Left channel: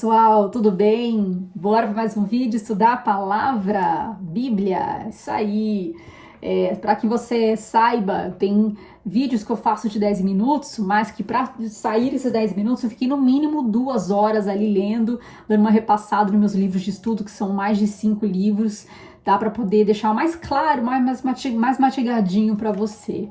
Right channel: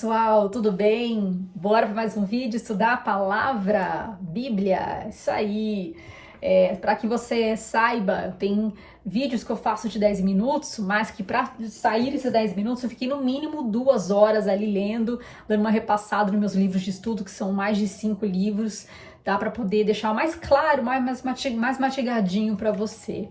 pessoal, tudo bem? Bora para mais um vídeo estudar a palavra, Bíblia, isso aí. Para que você saiba, tem vídeos que eu faço de 10 minutos, mas que para sair esses 10 minutos eu fiquei no mínimo 2 horas ali lendo, dando uma repassada nos meus livros de estudo, que são mais de 5 livros, tá? Para poder deixar mais claro, mais mastigadinho para você.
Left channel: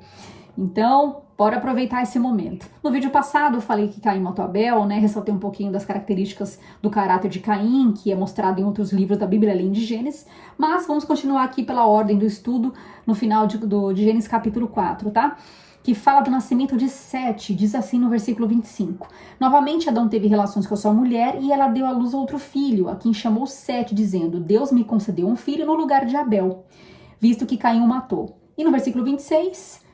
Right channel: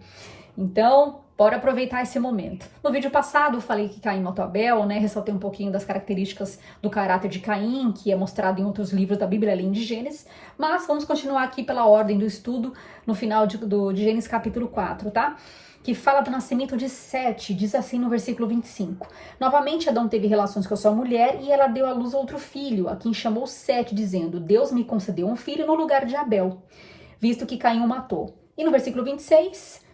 Então, bora aproveitar esse momento. No vídeo passado eu falei que Caim matou Abel, né? Ressaltei um pouquinho das características do caráter de Caim, que é mostrado em outros livros da Bíblia, além de Gênesis. Mas vamos continuar aqui pela ordem do estudo no final de Gênesis capítulo 4, tá? Que fala do nascimento de Sete, diz assim no versículo 25. Novamente Adão teve relações com a sua mulher e ela deu à luz a outro filho, a quem chamou Sete, dizendo: Deus me concedeu um filho no lugar de Abel, visto que Caim o matou. E no versículo 26...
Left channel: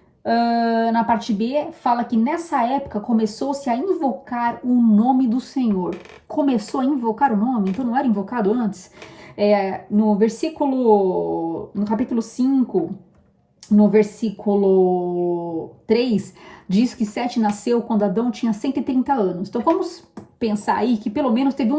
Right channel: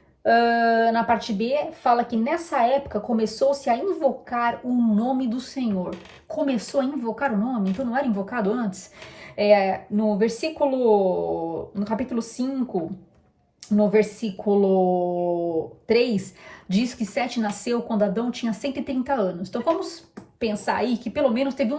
na parte B, fala que nessa época começou-se a invocar o nome do Senhor. Começou a invocar o nome, então não era invocado antes? No capítulo 5, no versículo 3, diz que Sete nasceu quando Adão tinha 130 anos. Então vamos pensar aí que pelo menos teve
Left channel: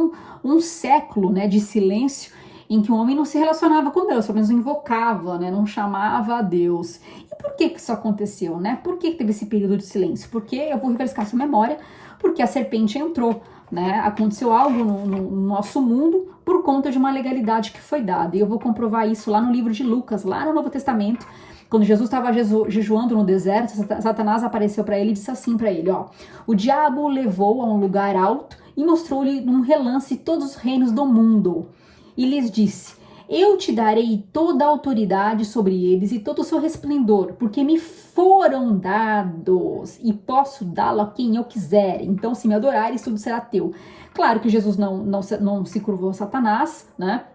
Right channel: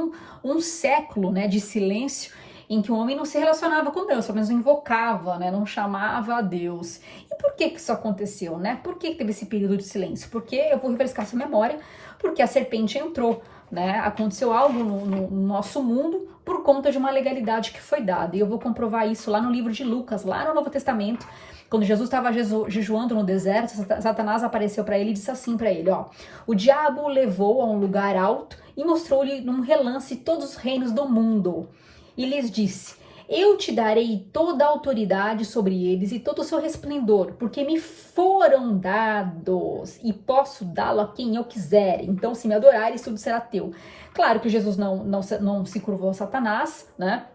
um século, né, de silêncio, em que o homem não se relacionava com Deus, pelo menos não invocava, né, não chamava a Deus. E por que isso aconteceu, né? Por que teve esse período de silêncio? Porque, eu vou refrescar sua memória, porque a serpente entrou, né? Aconteceu algo no nosso mundo por conta de uma legalidade que foi dada. E eu vou comprovar isso lá no livro de Lucas, lá no Novo Testamento. Quando Jesus estava jejuando no deserto, Satanás apareceu para ele e disse assim para ele, ó: o diabo o levou a um lugar alto e mostrou-lhe num relance todos os reinos do mundo. E lhes disse: eu te darei toda a autoridade sobre eles e todo o seu resplendor, porque me foram dados e posso dá-lo a quem eu quiser. Então, se me adorares, tudo será teu. Claro que Jesus não se curvou a Satanás, né?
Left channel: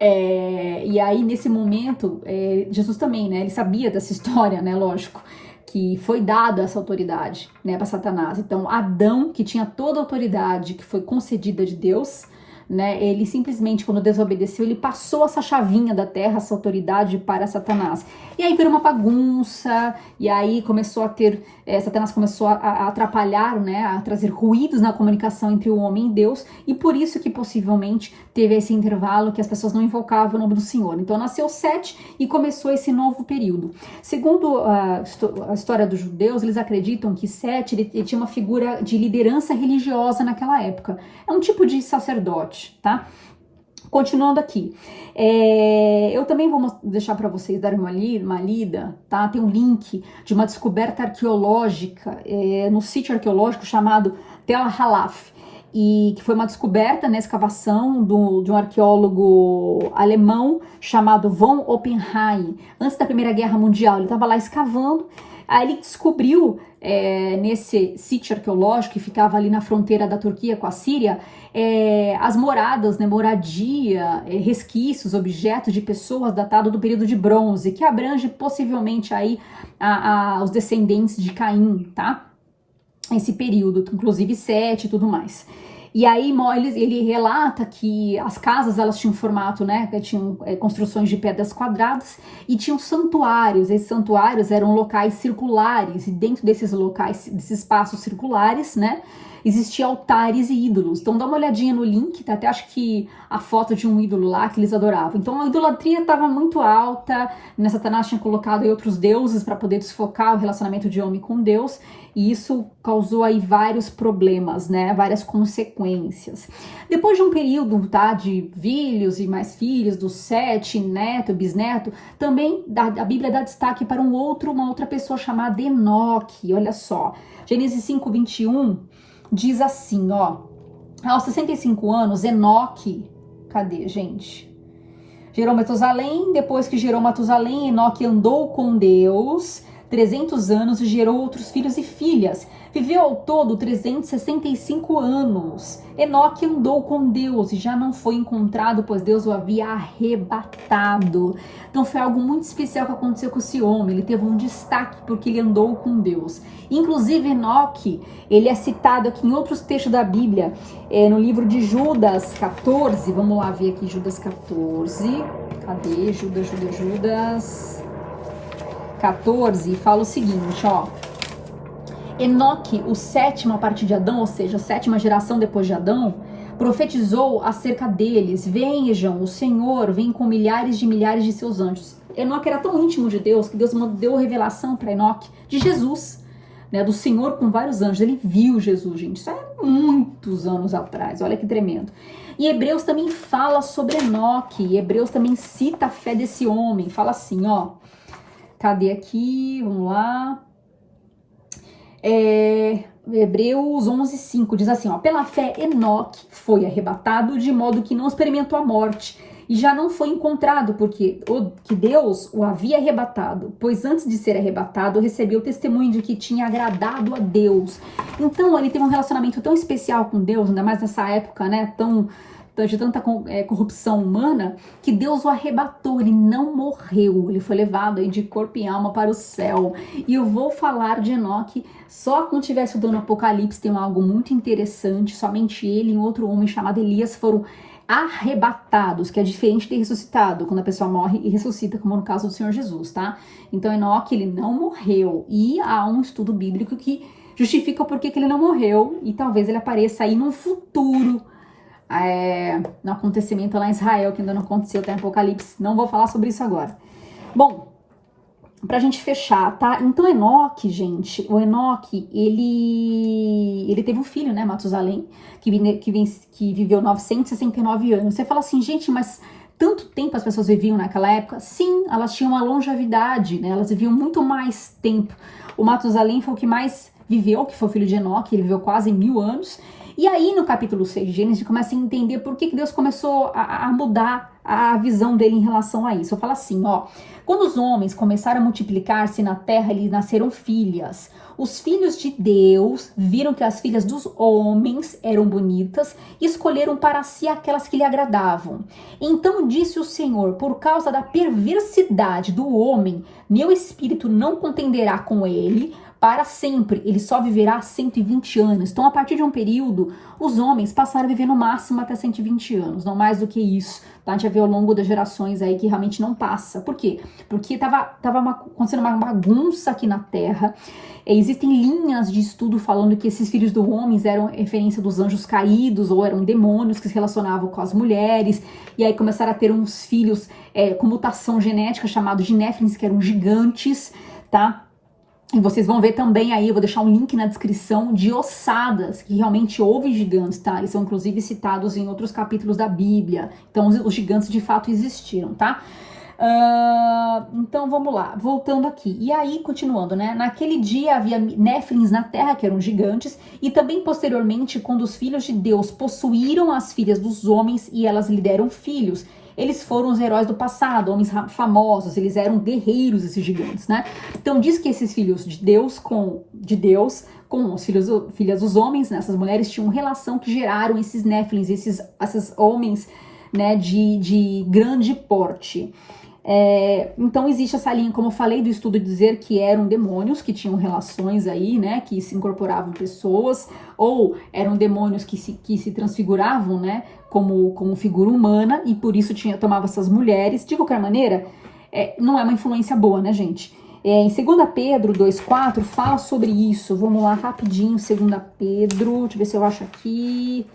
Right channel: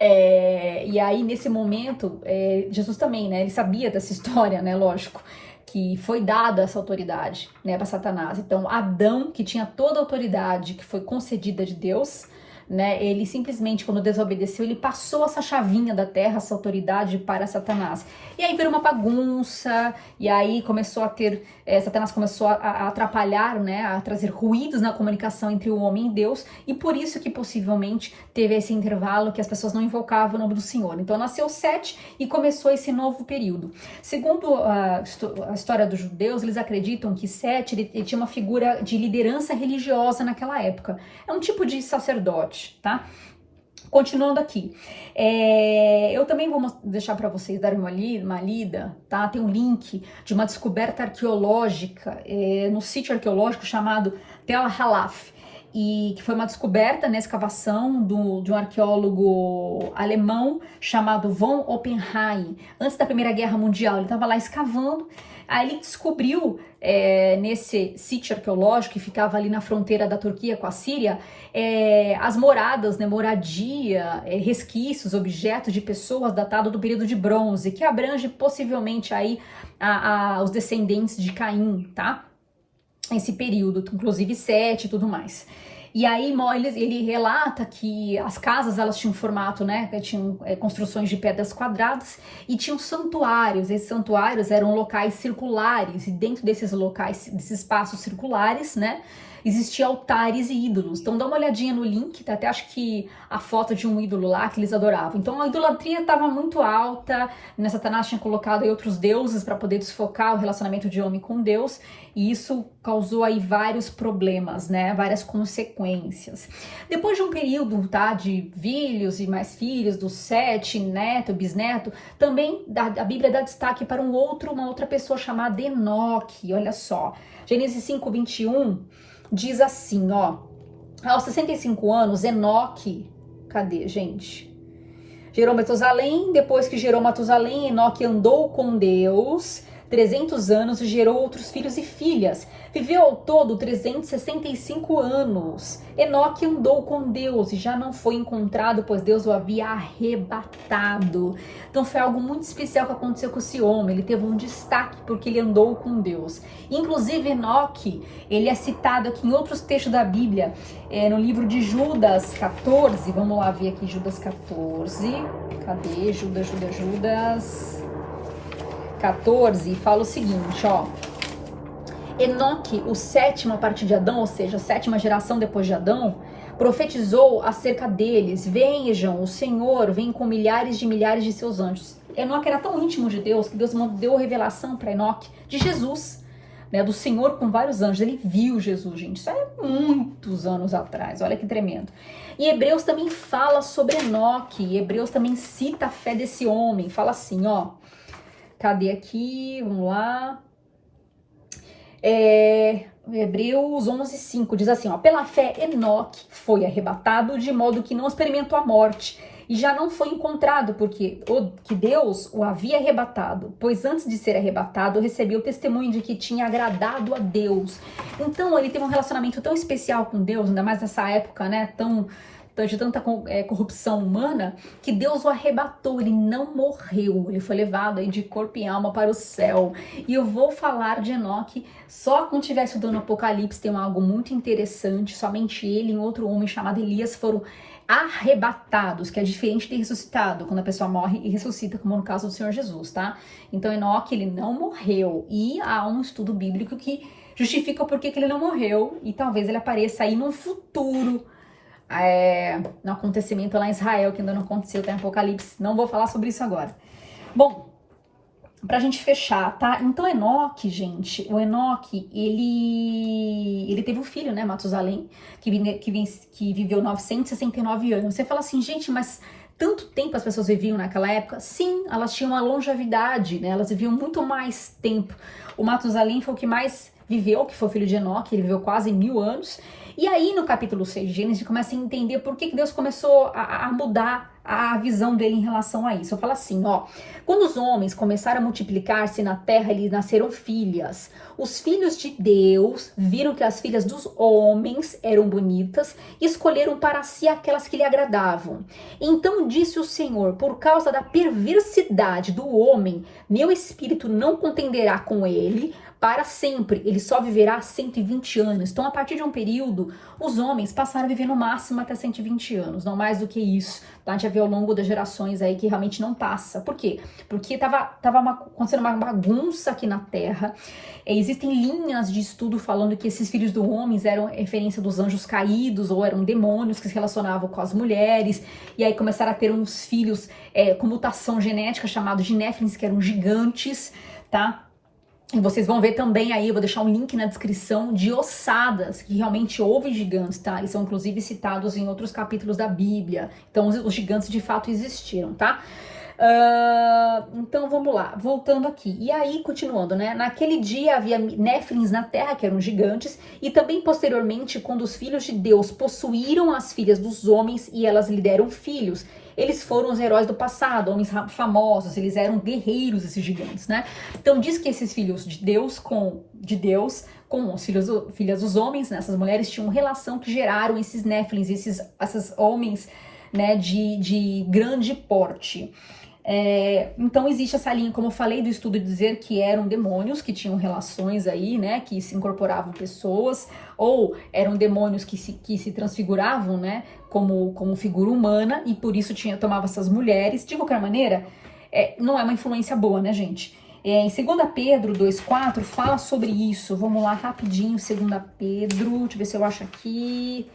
E aí, nesse momento, Jesus também, né? Ele sabia dessa história, né? Lógico, que foi dada essa autoridade, né, para Satanás. Então, Adão, que tinha toda a autoridade que foi concedida de Deus, né, ele simplesmente, quando desobedeceu, ele passou essa chavinha da terra, essa autoridade para Satanás. E aí virou uma bagunça, e aí começou a ter, Satanás começou a atrapalhar, né, a trazer ruídos na comunicação entre o homem e Deus, e por isso que possivelmente teve esse intervalo que as pessoas não invocavam o nome do Senhor. Então nasceu Sete e começou esse novo período. Segundo a história dos judeus, eles acreditam que Sete ele tinha uma figura de liderança religiosa naquela época. É um tipo de sacerdote, tá? Continuando aqui, eu também vou deixar para vocês darem uma lida, tá? Tem um link de uma descoberta arqueológica no sítio arqueológico chamado Tel Halaf, e que foi uma descoberta na escavação de um arqueólogo alemão chamado von Oppenheim, antes da Primeira Guerra Mundial. Ele estava lá escavando. Aí ele descobriu, nesse sítio arqueológico que ficava ali na fronteira da Turquia com a Síria, as moradas, né, moradia, resquícios, objetos de pessoas datados do período de bronze, que abrange possivelmente aí os descendentes de Caim, tá? Esse período, inclusive Sete e tudo mais. E aí ele relata que as casas, elas tinham formato, né, tinham construções de pedras quadradas e tinham santuários. Esses santuários eram locais circulares, e dentro desses locais, desses espaços circulares, né, existiam altares e ídolos. Então dá uma olhadinha no link, tá? Até acho que a foto de um ídolo lá que eles adoravam. Então a idolatria estava muito alta, né? Satanás tinha colocado aí outros deuses para poder desfocar o relacionamento de homem com Deus, e isso causou aí vários problemas, né? Várias consequências. Depois de um período, tá, de filhos e mais filhos, dos Sete, neto, bisneto, também a Bíblia dá destaque para uma outra pessoa chamada Enoque. Olha só, Gênesis 5:21 diz assim, ó: aos 65 anos, Enoque, cadê, gente? Gerou Matusalém. Depois que gerou Matusalém, Enoque andou com Deus 300 anos e gerou outros filhos e filhas. Viveu ao todo 365 anos. Enoque andou com Deus e já não foi encontrado, pois Deus o havia arrebatado. Então foi algo muito especial que aconteceu com esse homem. Ele teve um destaque porque ele andou com Deus. Inclusive Enoque, ele é citado aqui em outros textos da Bíblia, no livro de Judas 14. Vamos lá ver aqui Judas 14. Cadê? Judas 14, fala o seguinte, ó: Enoque, o sétimo a partir de Adão, ou seja, a sétima geração depois de Adão, profetizou acerca deles: vejam, o Senhor vem com milhares de seus anjos. Enoque era tão íntimo de Deus que Deus deu revelação para Enoque de Jesus, né, do Senhor com vários anjos. Ele viu Jesus, gente, isso é muitos anos atrás, olha que tremendo. E Hebreus também fala sobre Enoque, Hebreus também cita a fé desse homem, fala assim, ó, cadê aqui, vamos lá, Hebreus 11:5 diz assim, ó, pela fé Enoque foi arrebatado de modo que não experimentou a morte, e já não foi encontrado, porque que Deus o havia arrebatado, pois antes de ser arrebatado, recebeu o testemunho de que tinha agradado a Deus. Então, ele teve um relacionamento tão especial com Deus, ainda mais nessa época, né, de tanta corrupção humana, que Deus o arrebatou, ele não morreu, ele foi levado aí de corpo e alma para o céu. E eu vou falar de Enoque só quando estiver estudando Apocalipse, tem algo muito interessante, somente ele e um outro homem chamado Elias foram arrebatados, que é diferente de ressuscitado, quando a pessoa morre e ressuscita, como no caso do Senhor Jesus, tá? Então Enoque, ele não morreu, e há um estudo bíblico que justifica o porquê que ele não morreu, e talvez ele apareça aí no futuro, no acontecimento lá em Israel, que ainda não aconteceu, tá em Apocalipse. Não vou falar sobre isso agora. Bom, pra gente fechar, tá? Então Enoque, gente, o Enoque, ele teve um filho, né, Matusalém, que viveu 969 anos. Você fala assim, gente, mas tanto tempo as pessoas viviam naquela época? Sim, elas tinham uma longevidade, né? Elas viviam muito mais tempo. O Matusalém foi o que mais viveu, que foi o filho de Enoque, ele viveu quase 1000 anos. E aí no capítulo 6 de Gênesis, a gente começa a entender por que Deus começou a mudar a visão dele em relação a isso. Eu falo assim, ó, quando os homens começaram a multiplicar-se na terra, eles nasceram filhas. Os filhos de Deus viram que as filhas dos homens eram bonitas e escolheram para si aquelas que lhe agradavam. Então disse o Senhor, por causa da perversidade do homem, meu espírito não contenderá com ele para sempre, ele só viverá 120 anos. Então, a partir de um período, os homens passaram a viver no máximo até 120 anos, não mais do que isso. Tá? A gente já vê ao longo das gerações aí que realmente não passa. Por quê? Porque acontecendo uma bagunça aqui na Terra. Existem linhas de estudo falando que esses filhos do homens eram referência dos anjos caídos ou eram demônios que se relacionavam com as mulheres. E aí começaram a ter uns filhos com mutação genética chamados de Néfilins, que eram gigantes, tá? E vocês vão ver também aí, eu vou deixar um link na descrição de ossadas, que realmente houve gigantes, tá? Eles são inclusive citados em outros capítulos da Bíblia. Então os gigantes de fato existiram, tá? Então vamos lá, voltando aqui. E aí, continuando, né? Naquele dia havia Néfilins na terra, que eram gigantes, e também posteriormente, quando os filhos de Deus possuíram as filhas dos homens e elas lhe deram filhos, eles foram os heróis do passado, homens famosos, eles eram guerreiros, esses gigantes, né? Então diz que esses filhos de Deus com os filhas dos homens, né? Essas mulheres tinham relação que geraram esses Néfilins, esses homens, né, de grande porte. Então existe essa linha, como eu falei, do estudo de dizer que eram demônios que tinham relações aí, né, que se incorporavam pessoas, ou eram demônios que se transfiguravam, né, como figura humana, e por isso tomava essas mulheres. De qualquer maneira, não é uma influência boa, né, gente? Em 2 Pedro 2,4 fala sobre isso. Vamos lá rapidinho, 2 Pedro, deixa eu ver se eu acho aqui.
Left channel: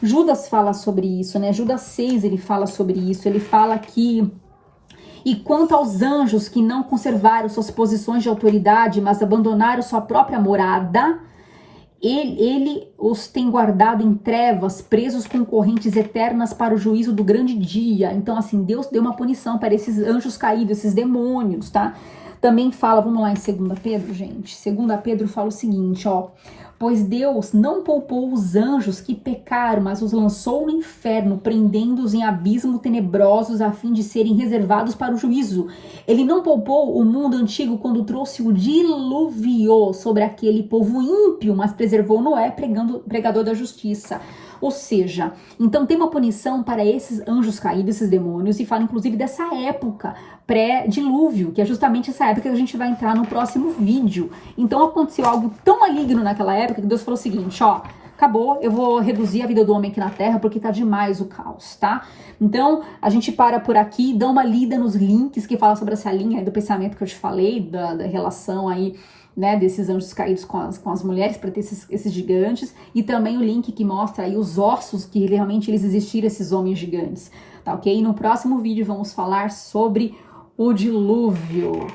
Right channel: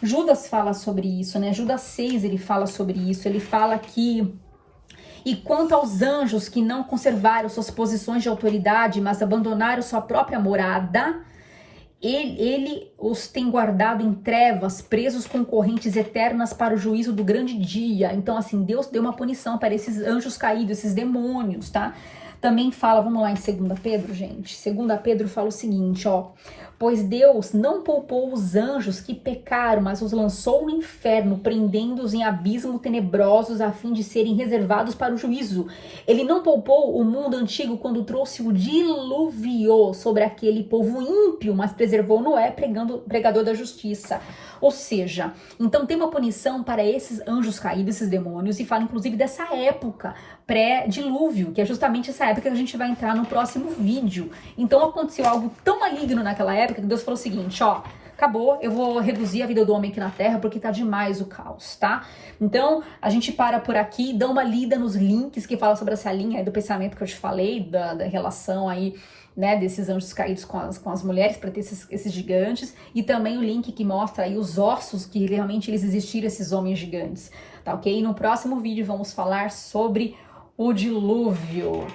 Judas fala sobre isso, né? Judas 6, ele fala sobre isso. Ele fala que: e quanto aos anjos que não conservaram suas posições de autoridade, mas abandonaram sua própria morada, ele os tem guardado em trevas, presos com correntes eternas para o juízo do grande dia. Então, assim, Deus deu uma punição para esses anjos caídos, esses demônios, tá? Também fala, vamos lá em 2 Pedro, gente. 2 Pedro fala o seguinte, ó. Pois Deus não poupou os anjos que pecaram, mas os lançou no inferno, prendendo-os em abismos tenebrosos, a fim de serem reservados para o juízo. Ele não poupou o mundo antigo quando trouxe o dilúvio sobre aquele povo ímpio, mas preservou Noé, pregador da justiça. Ou seja, então tem uma punição para esses anjos caídos, esses demônios, e fala inclusive dessa época pré-dilúvio, que é justamente essa época que a gente vai entrar no próximo vídeo. Então aconteceu algo tão maligno naquela época que Deus falou o seguinte, ó, acabou, eu vou reduzir a vida do homem aqui na Terra porque tá demais o caos, tá? Então, a gente para por aqui, dá uma lida nos links que falam sobre essa linha do pensamento que eu te falei, da relação aí, né, desses anjos caídos com as mulheres, para ter esses gigantes, e também o link que mostra aí os ossos que realmente eles existiram, esses homens gigantes, tá ok? E no próximo vídeo vamos falar sobre o dilúvio.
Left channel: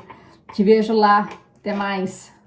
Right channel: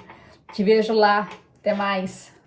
Te vejo lá, até mais!